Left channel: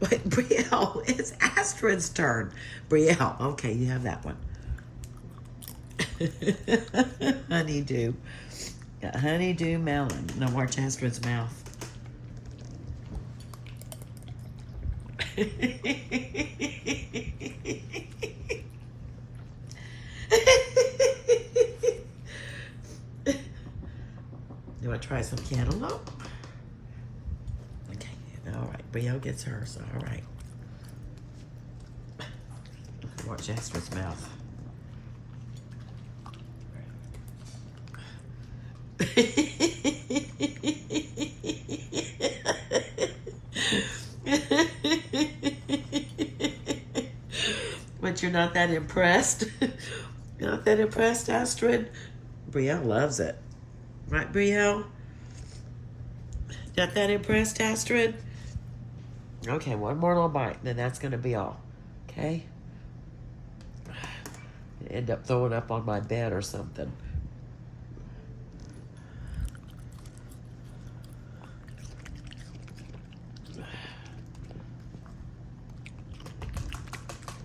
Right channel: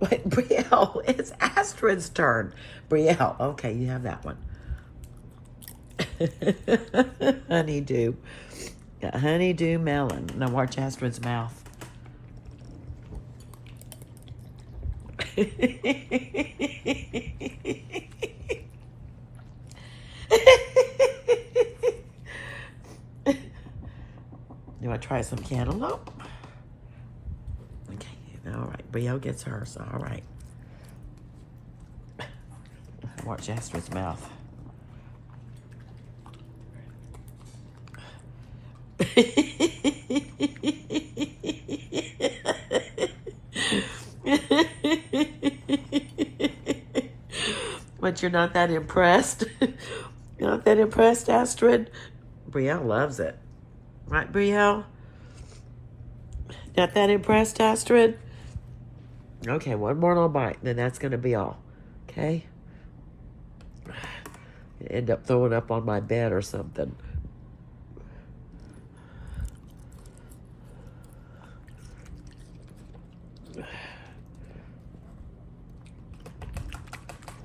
Wait, Brielle, it's Astrid's turn. Brielle, okay, you have that one. Honeydew. Got honeydew melon. Now watch Astrid's mouth. You want to try some cantaloupe? Okay, all right. Brielle gets hers. All right. Watch Astrid's mouth. But you're not that impressed? You're not that impressed, Astrid? Brielle loves it. Right, Brielle? Not that impressed, Astrid? Okay, one more little bite, then that's going to be all. Okay? End up throwing up on my bed or something.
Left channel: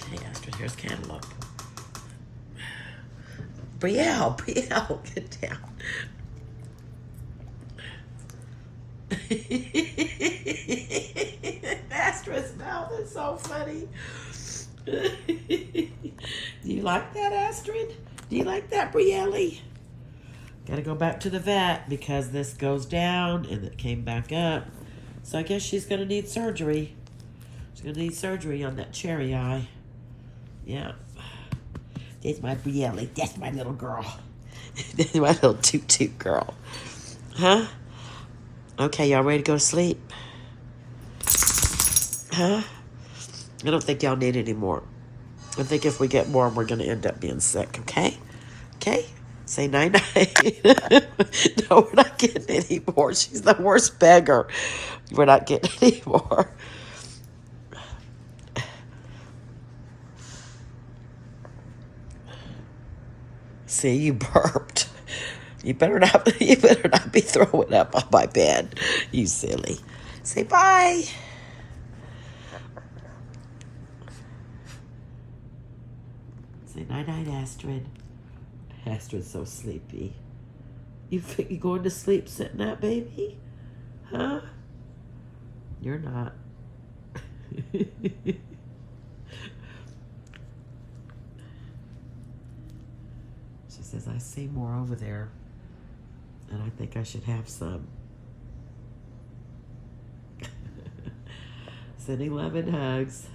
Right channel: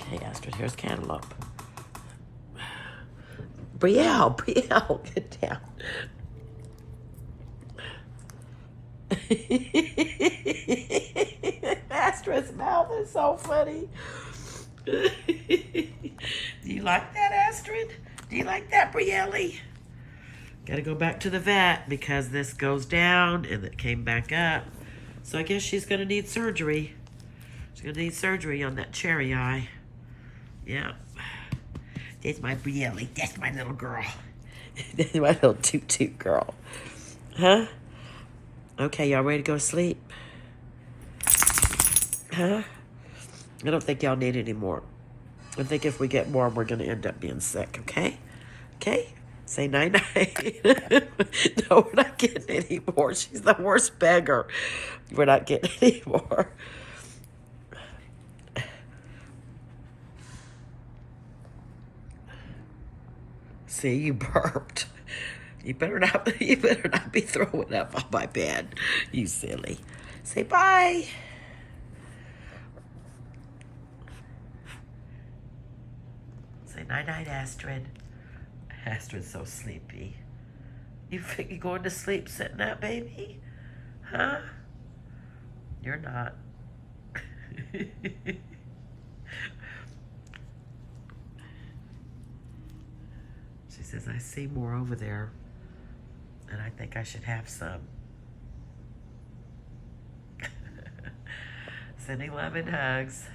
Okay, Astrid, here's cantaloupe. Brielle, get down. Astrid's mouth is so funny. Do you like that, Astrid? Do you like that, Brielle? Gotta go back to the vet because this goes down and it came back up. So I guess she's gonna need surgery. She's gonna need surgery on that cherry eye. Yeah. That's my Brielle. That's my little girl. That's my little toot girl. Huh? Okay, y'all ready to go to sleep? Huh? I don't think y'all need any more. I think if we get more, we're going to end up being sick, okay? Okay? Say night-night. No, we're not getting any more. She's the worst beggar. We're not getting any more. See, you burped. You better not be throwing up on my bed. You silly. Say bye. Say night-night, Astrid. Astrid's so sleepy. You think you're going to sleep sitting up, baby? Huh? You're not. She says, I see more over there, and I think I should have some. Sending love and hugs.